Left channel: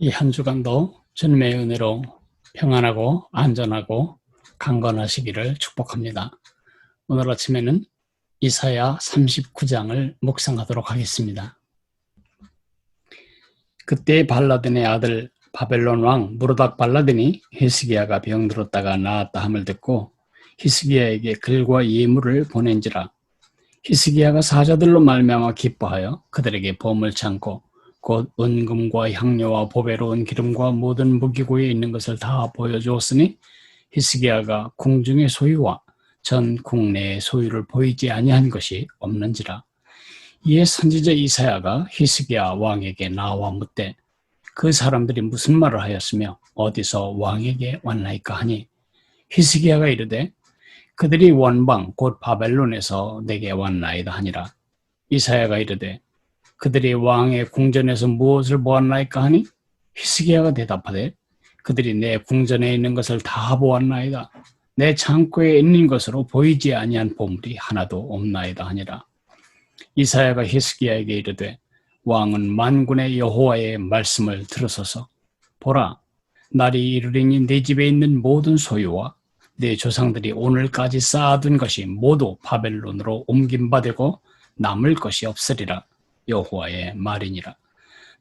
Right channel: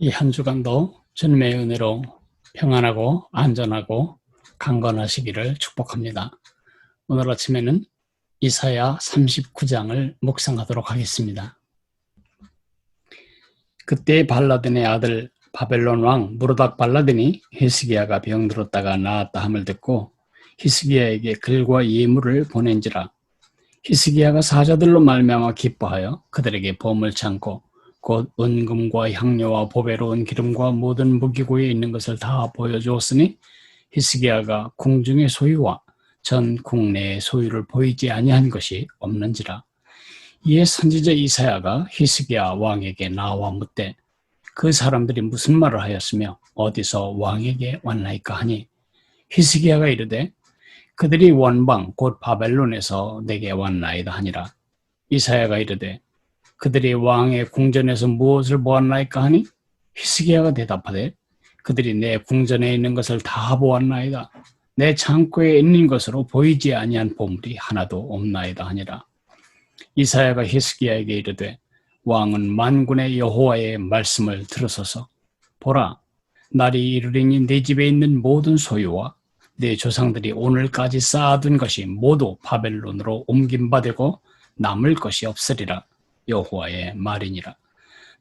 이 한 주간도 주님의 은혜로 평안하고 안전하고 강건하시기를 축복합니다. 오늘 아침에는 이사야 39장을 묵상하도록 하겠습니다. 그때 발라딘의 아들 바벨론 왕 무로닥 발라딘이 히스기야가 병들었다가 나았다 함을 듣고 히스기야에게 글과 예물을 보낸지라. 히스기야가 사자들로 말미암아 기뻐하여 그들에게 보물 창고 곧 은금과 향료와 보배로운 기름과 모든 무기고에 있는 것을 다 보여주었으니 히스기야가 궁중의 소유와 전 국내의 소유를 보이지 아니한 것이 없는지라. 이에 선지자 이사야가 히스기야 왕에게 나와 묻되 그 사람들이 무슨 말을 하였으며 어디서 왕에게 왔나이까 하니 히스기야가 이르되 그들이 원방 곧 바벨론에서 내게 왔나이다 하니라. 이사야가 이르되 그들이 왕의 궁전에서 무엇을 보았나이까 하니 히스기야가 대답하되 그들이 내 궁전에 있는 것을 다 보았나이다. 내 창고에 있는 것으로 보이지 아니한 보물이 하나도 없나이다 하니라. 이사야가 히스기야에게 이르되 왕은 만군의 여호와의 말씀을 들으소서. 보라, 날이 이르리니 내 집에 있는 모든 소유와 내 조상들이 오늘까지 쌓아둔 것이 모두 바벨론으로 옮김받고 남을 것이 없으리라. 여호와의 말이니라.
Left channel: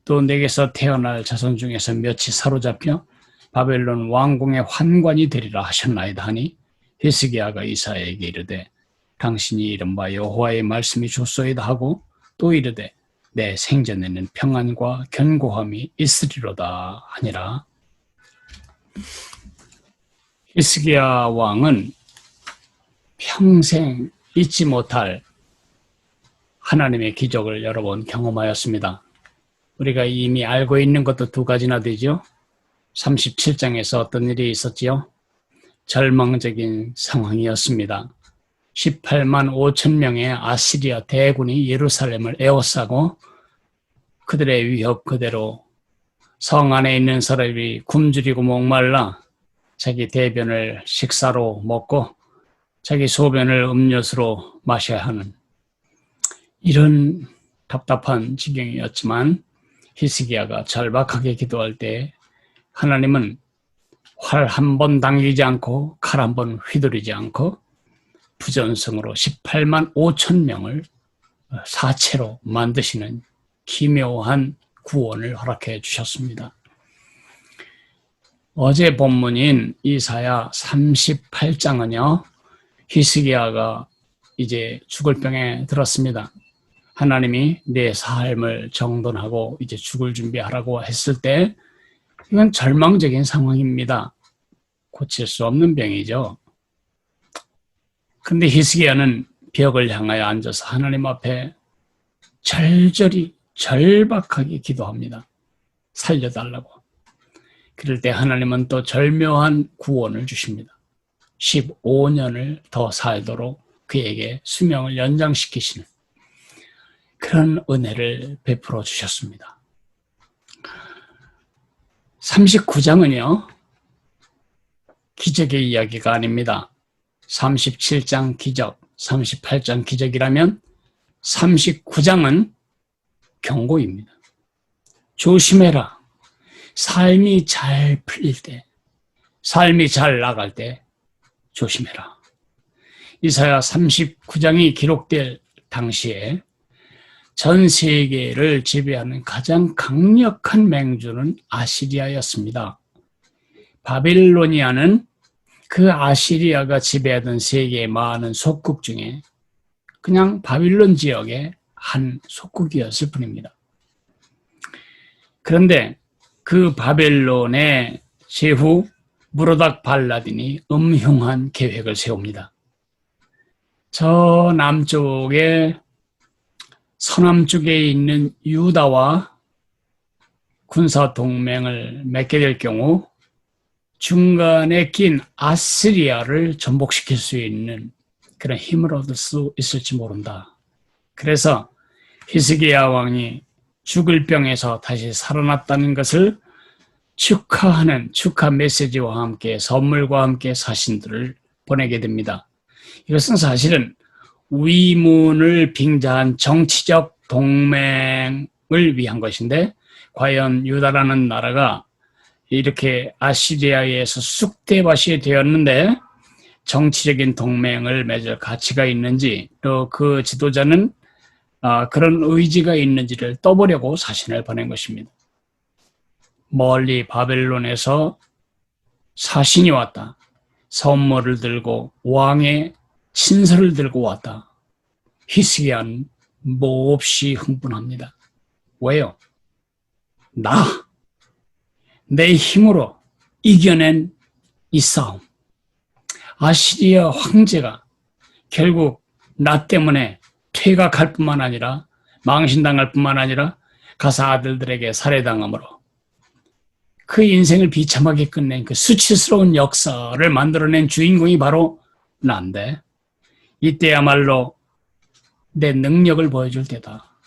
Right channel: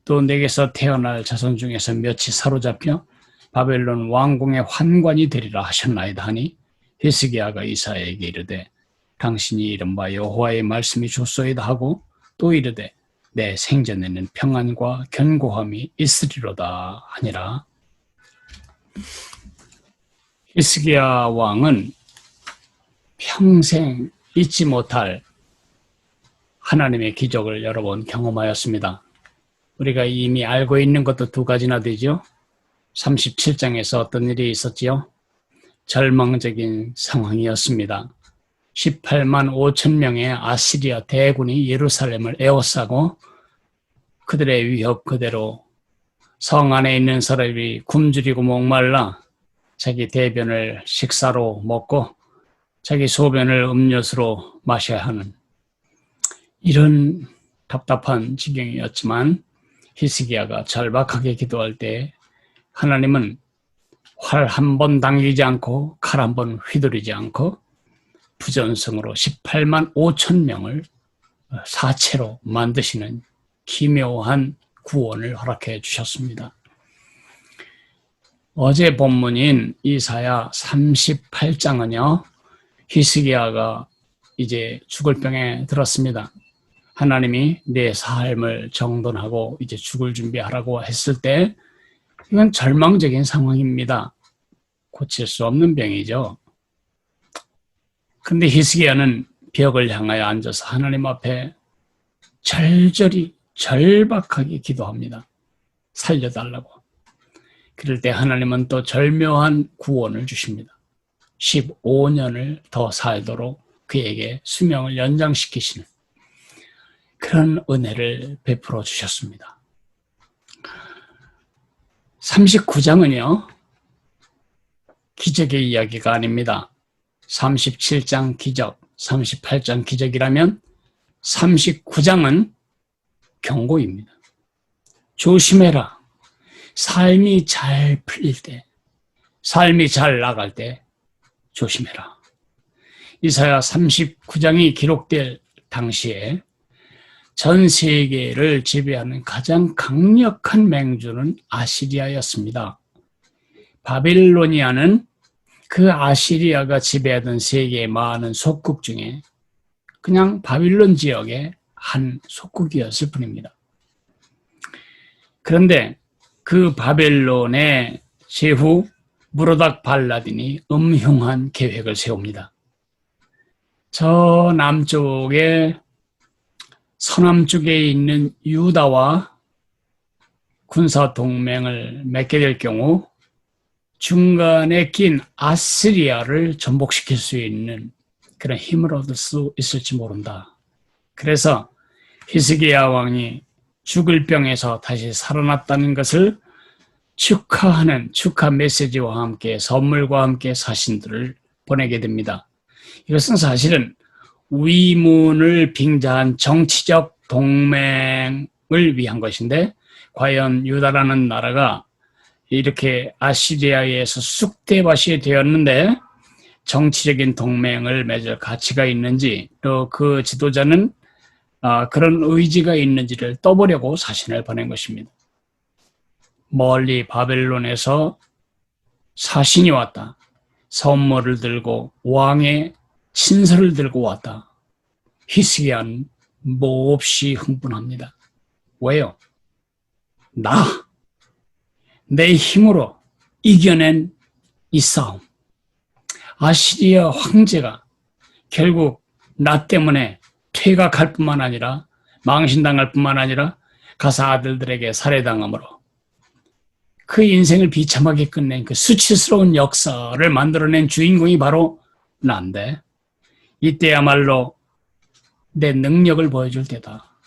또 내게서 태어날 자손 중에서 몇이 사로잡혀 바벨론 왕궁의 환관이 되리라 하셨나이다 하니 히스기야가 이사야에게 이르되 당신이 이른바 여호와의 말씀이 좋소이다 하고 또 이르되 내 생전에는 평안과 견고함이 있으리로다 하니라. 히스기야 왕은 평생 잊지 못할 하나님의 기적을 여러 번 경험하였습니다. 우리가 이미 알고 있는 것도 두 가지나 되죠. 37장에서 어떤 일이 있었지요? 절망적인 상황이었습니다. 18만 5천 명의 아시리아 대군이 예루살렘을 에워싸고 그들의 위협 그대로 성 안에 있는 사람이 굶주리고 목말라 자기 대변을 식사로 먹고 자기 소변을 음료수로 마셔야 하는 이런 답답한 지경이었지만 히스기야가 절박하게 기도할 때 하나님은 활 한 번 당기지 않고 칼 한 번 휘두르지 않고 부전성으로 18만 5천 명을 사체로 만드시는 기묘한 구원을 허락해 주셨습니다. 어제 본문인 이사야 38장은요. 히스기야가 이제 죽을 병에 들었습니다. 하나님이 내 삶을 정돈하고 이제 죽을 준비하라고 했을 때 이건 절망적인 상황입니다. 고칠 수 없는 병이죠. 그런데 히스기야는 벽을 향하여 앉아서 하나님 앞에 절절히 절박하게 기도합니다. 살려달라고. 그럴 때 하나님은 또 절묘한 구원을 주십니다. 15년을 더 살도록 그에게 수명을 연장시키시는 그런 은혜를 베풀어 주셨습니다. 39장은요. 기적의 이야기가 아닙니다. 37장 기적, 38장 기적이라면 39장은 경고입니다. 조심해라. 삶이 잘 풀릴 때, 삶이 잘 나갈 때 조심해라. 이사야 39장이 기록될 당시에 전 세계를 지배하는 가장 강력한 맹주는 아시리아였습니다. 바빌로니아는 그 아시리아가 지배하던 세계의 많은 속국 중에 그냥 바빌론 지역의 한 속국이었을 뿐입니다. 그런데 그 바벨론의 제후 무로닥 발라딘이 음흉한 계획을 세웁니다. 저 남쪽에 서남쪽에 있는 유다와 군사 동맹을 맺게 될 경우 중간에 낀 아시리아를 전복시킬 수 있는 그런 힘을 얻을 수 있을지 모른다. 그래서 히스기야 왕이 죽을 병에서 다시 살아났다는 것을 축하하는 축하 메시지와 함께 선물과 함께 사신들을 보내게 됩니다. 이것은 사실은 위문을 빙자한 정치적 동맹을 위한 것인데 과연 유다라는 나라가 이렇게 아시리아에 의해서 쑥대밭이 되었는데 정치적인 동맹을 맺을 가치가 있는지, 또 그 지도자는 그런 의지가 있는지를 떠보려고 사신을 보낸 것입니다. 멀리 바벨론에서 사신이 왔다. 선물을 들고 왕의 친서를 들고 왔다. 히스기야는 몹시 흥분합니다. 왜요? 내 힘으로 이겨낸 이 싸움. 아시리아 황제가 결국 나 때문에 퇴각할 뿐만 아니라 망신당할 뿐만 아니라 가서 아들들에게 살해당함으로 그 인생을 비참하게 끝낸 그 수치스러운 역사를 만들어낸 주인공이 바로 난데, 이때야말로 내 능력을 보여줄 때다.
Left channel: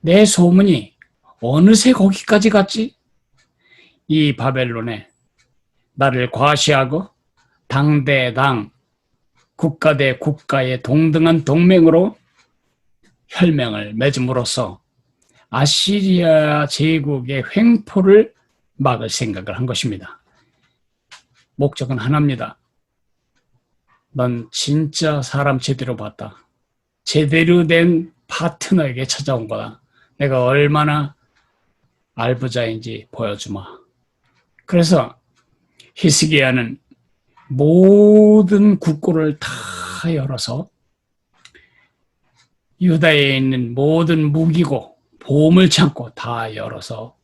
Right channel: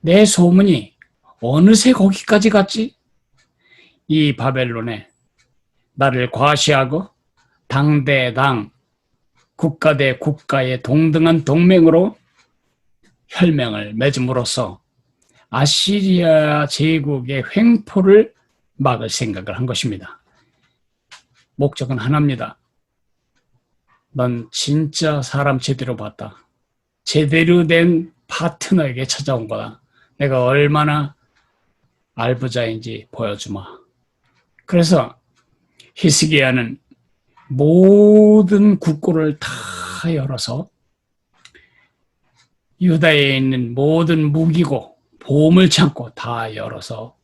내 소문이 어느새 거기까지 갔지? 이 바벨론에 나를 과시하고 당 대 당, 국가 대 국가의 동등한 동맹으로 혈맹을 맺음으로써 아시리아 제국의 횡포를 막을 생각을 한 것입니다. 목적은 하나입니다. 넌 진짜 사람 제대로 봤다. 제대로 된 파트너에게 찾아온 거다. 내가 얼마나 알부자인지 보여주마. 그래서 히스기야는 모든 국고를 다 열어서 유다에 있는 모든 무기고 보물창고 다 열어서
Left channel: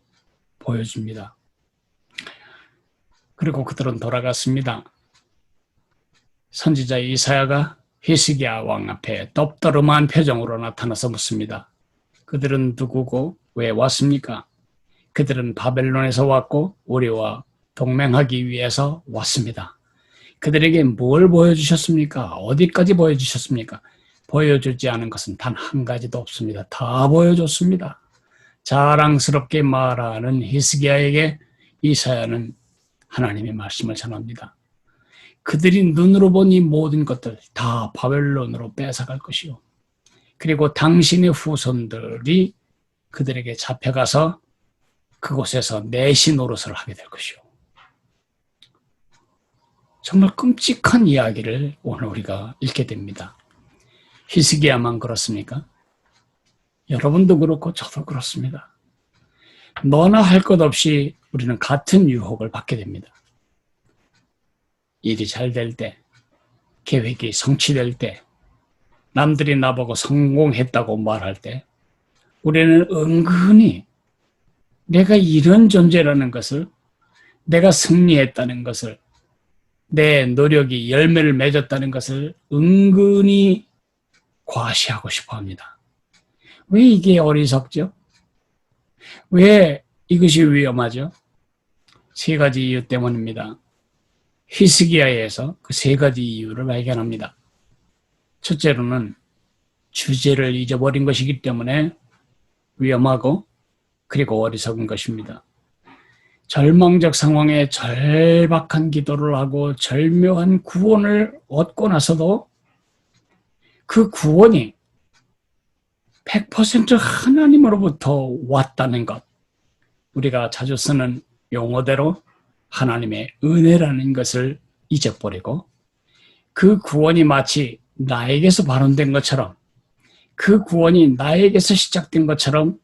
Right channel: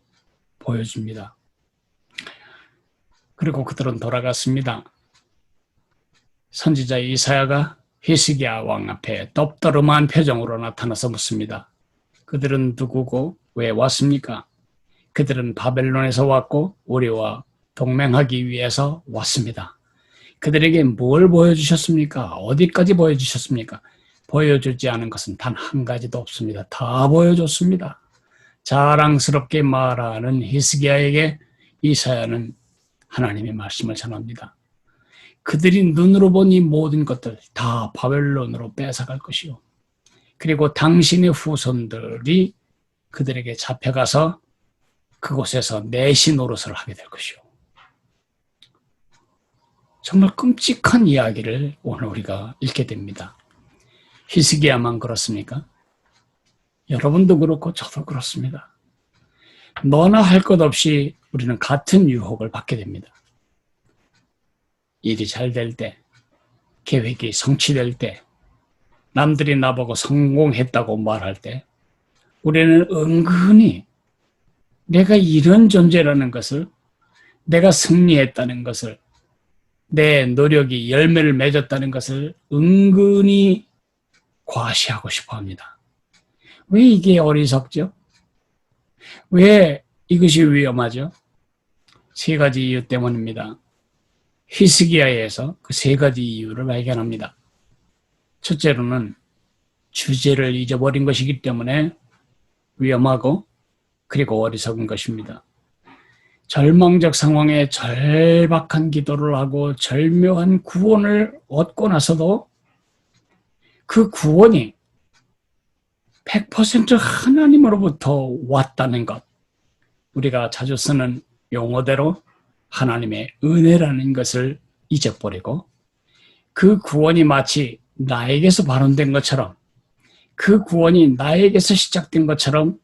보여줍니다. 그리고 그들은 돌아갔습니다. 선지자 이사야가 히스기야 왕 앞에 떡더름한 표정으로 나타나서 묻습니다. 그들은 누구고 왜 왔습니까? 그들은 바벨론에서 왔고 우리와 동맹하기 위해서 왔습니다. 그들에게 뭘 보여주셨습니까? 어디까지 보여주셨습니까? 보여주지 않은 것은 단 한 가지도 없습니다. 다 보여줬습니다. 자랑스럽게 말하는 히스기야에게 이사야는 하나님의 말씀을 전합니다. 그들이 눈으로 본 이 모든 것들 다 바벨론으로 뺏어갈 것이요. 그리고 당신의 후손들이 그들에게 잡혀가서 그곳에서 내시 노릇을 하게 될 것이요. 정말 끔찍한 이야기를 오늘 우리가 읽게 됩니다. 히스기야만 그렇습니까? 여러분도 그렇고 저도 그렇습니다. 너나 할 것 없이 우리는 같은 유혹을 받게 됩니다. 일이 잘 될 때, 계획이 성취될 때, 남들이 나보고 성공했다고 말할 때 우리는 은근히 내가 이런 존재라는 것을, 내가 승리했다는 것을, 내 노력이 열매를 맺었다는 것을 은근히 과시하고 싶어 합니다. 왜 이게 어리석죠? 왜 이것이 위험하죠? 세 가지 이유 때문입니다. 히스기야에서 그 세 가지 이유를 발견합니다. 첫째로는 주제를 잊어버린 것이기 때문에 위험하고 그리고 어리석은 것입니다. 절망적 상황에 절박한 기도를 하고 절묘한 구원을 얻고 나서도 그 구원이 100% 하나님으로부터 왔다는 것, 우리가 자주 쓰는 용어대로 하나님의 은혜라는 것을 잊어버리고 그 구원이 마치 나에게서 발원된 것처럼, 그 구원이 나에게서 시작된 것처럼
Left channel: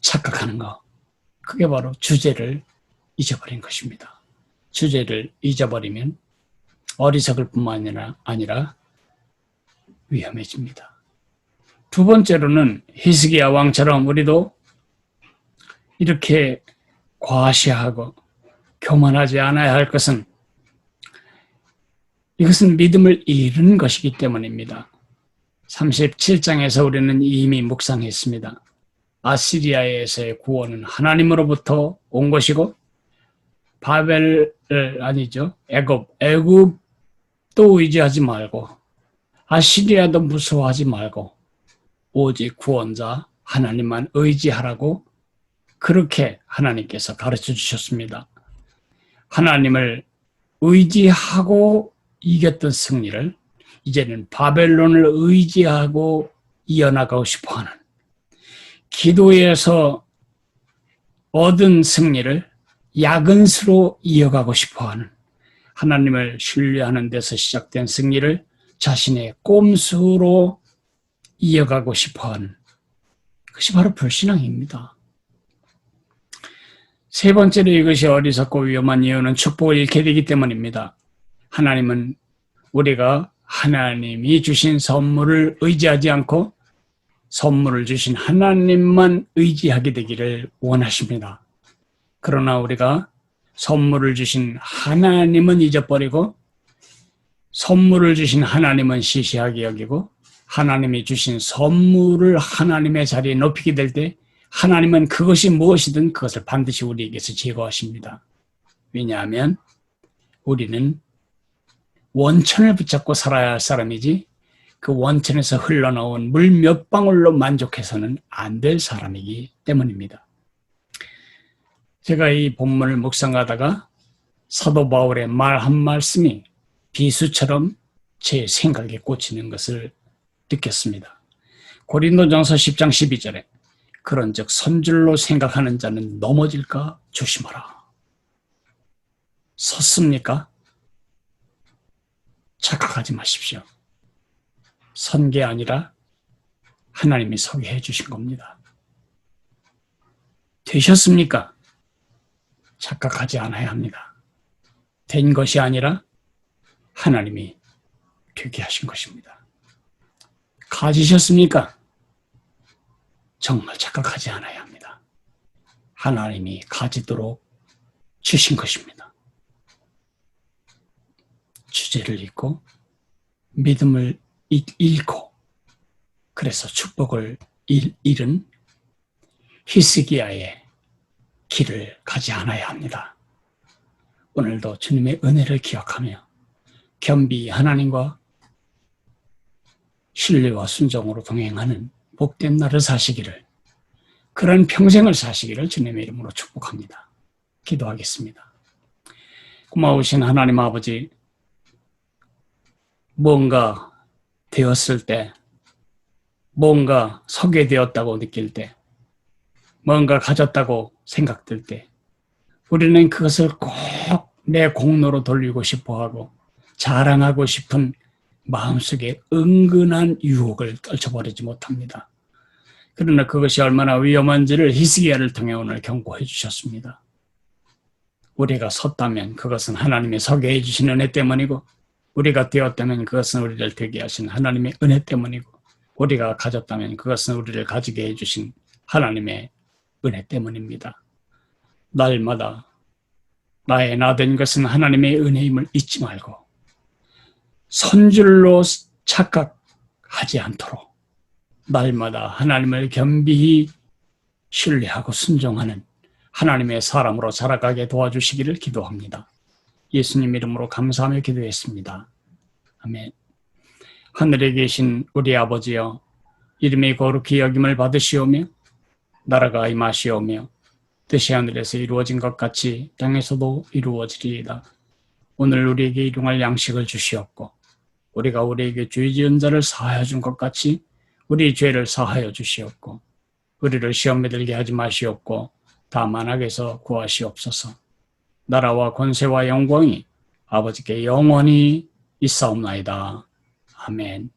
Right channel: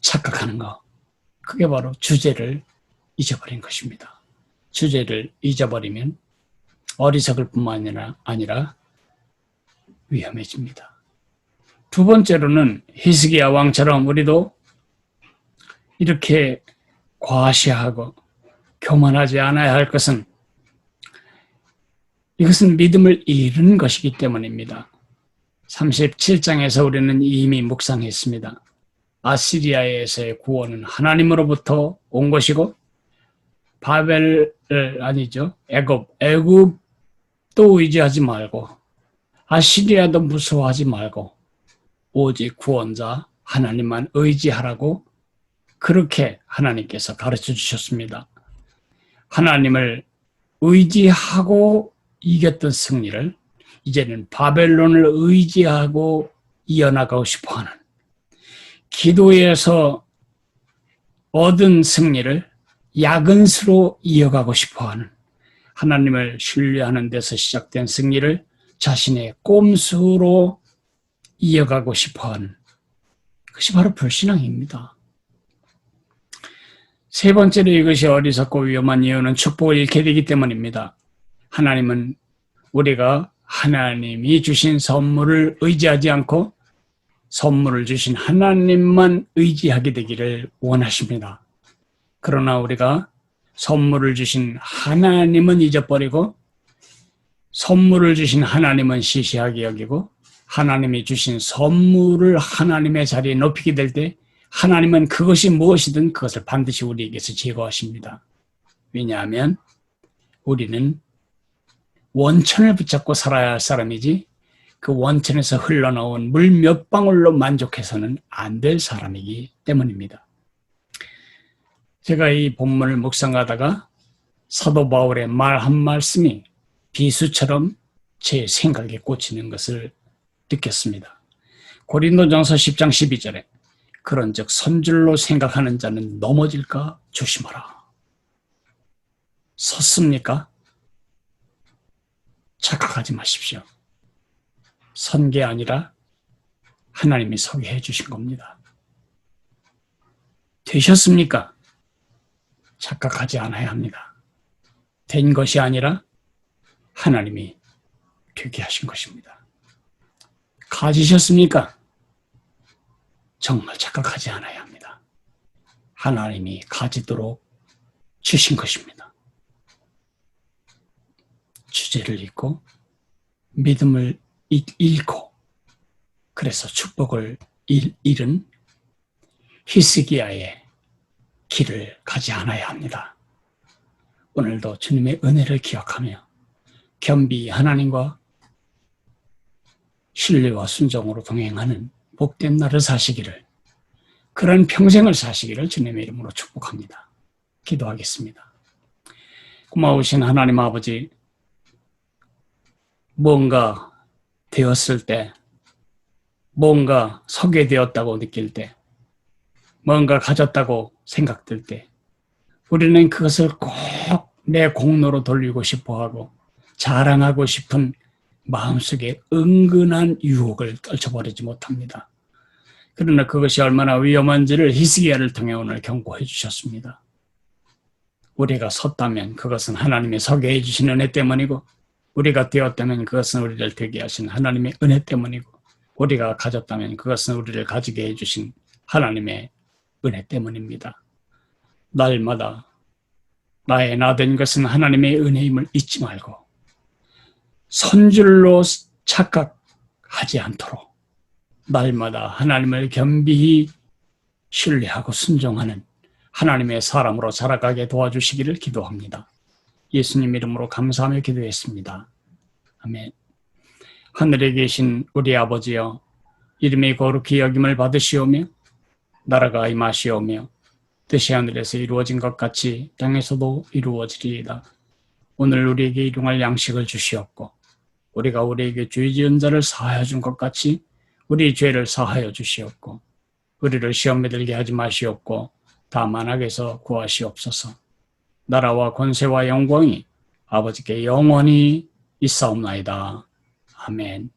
착각하는 것, 그게 바로 주제를 잊어버린 것입니다. 주제를 잊어버리면 어리석을 뿐만 아니라 위험해집니다. 두 번째로는 히스기야 왕처럼 우리도 이렇게 과시하고 교만하지 않아야 할 것은, 이것은 믿음을 잃은 것이기 때문입니다. 37장에서 우리는 이미 묵상했습니다. 아시리아에서의 구원은 하나님으로부터 온 것이고 애굽도 의지하지 말고 아시리아도 무서워하지 말고 오직 구원자 하나님만 의지하라고 그렇게 하나님께서 가르쳐 주셨습니다. 하나님을 의지하고 이겼던 승리를 이제는 바벨론을 의지하고 이어나가고 싶어하는, 기도에서 얻은 승리를 야근수로 이어가고 싶어하는, 하나님을 신뢰하는 데서 시작된 승리를 자신의 꼼수로 이어가고 싶어하는 그것이 바로 불신앙입니다. 세 번째로 이것이 어리석고 위험한 이유는 축복을 잃게 되기 때문입니다. 하나님은 우리가 하나님이 주신 선물을 의지하지 않고 선물을 주신 하나님만 의지하게 되기를 원하십니다. 그러나 우리가 선물을 주신 하나님은 잊어버리고 선물을 주신 하나님은 시시하게 여기고 하나님이 주신 선물을 하나님의 자리에 높이게 될 때 하나님은 그것이 무엇이든 그것을 반드시 우리에게서 제거하십니다. 왜냐하면 우리는 원천을 붙잡고 살아야 할 사람이지 그 원천에서 흘러나온 물 몇 방울로 만족해서는 안 될 사람이기 때문입니다. 제가 이 본문을 묵상하다가 사도 바울의 말 한 말씀이 비수처럼 제 생각에 꽂히는 것을 느꼈습니다. 고린도전서 10장 12절에 그런즉 선줄로 생각하는 자는 넘어질까 조심하라. 섰습니까? 착각하지 마십시오. 선 게 아니라 하나님이 서게 해주신 겁니다. 되셨습니까? 착각하지 않아야 합니다. 된 것이 아니라 하나님이 되게 하신 것입니다. 가지셨습니까? 정말 착각하지 않아야 합니다. 하나님이 가지도록 주신 것입니다. 주제를 잊고 믿음을 잃고 그래서 축복을 잃은 히스기야의 길을 가지 않아야 합니다. 오늘도 주님의 은혜를 기억하며 겸비 하나님과 신뢰와 순종으로 동행하는 복된 날을 사시기를, 그런 평생을 사시기를 주님의 이름으로 축복합니다. 기도하겠습니다. 고마우신 하나님 아버지, 뭔가 되었을 때, 뭔가 서게 되었다고 느낄 때, 뭔가 가졌다고 생각될 때 우리는 그것을 꼭 내 공로로 돌리고 싶어하고 자랑하고 싶은 마음속에 은근한 유혹을 떨쳐버리지 못합니다. 그러나 그것이 얼마나 위험한지를 히스기야를 통해 오늘 경고해 주셨습니다. 우리가 섰다면 그것은 하나님의 서게 해주신 은혜 때문이고, 우리가 되었다면 그것은 우리를 되게 하신 하나님의 은혜 때문이고, 우리가 가졌다면 그것은 우리를 가지게 해주신 하나님의 은혜 때문입니다. 날마다 나의 나된 것은 하나님의 은혜임을 잊지 말고 선줄로 착각하지 않도록 날마다 하나님을 겸비히 신뢰하고 순종하는 하나님의 사람으로 자라가게 도와주시기를 기도합니다. 예수님 이름으로 감사하며 기도했습니다. 아멘. 하늘에 계신 우리 아버지여, 이름이 거룩히 여김을 받으시오며 나라가 임하시오며 뜻이 하늘에서 이루어진 것 같이 땅에서도 이루어지리이다. 오늘 우리에게 일용할 양식을 주시옵고 우리가 우리에게 죄 지은 자를 사하여 준 것 같이 우리 죄를 사하여 주시옵고 우리를 시험에 들게 하지 마시옵고 다만 악에서 구하시옵소서. 나라와 권세와 영광이 아버지께 영원히 있사옵나이다. 아멘.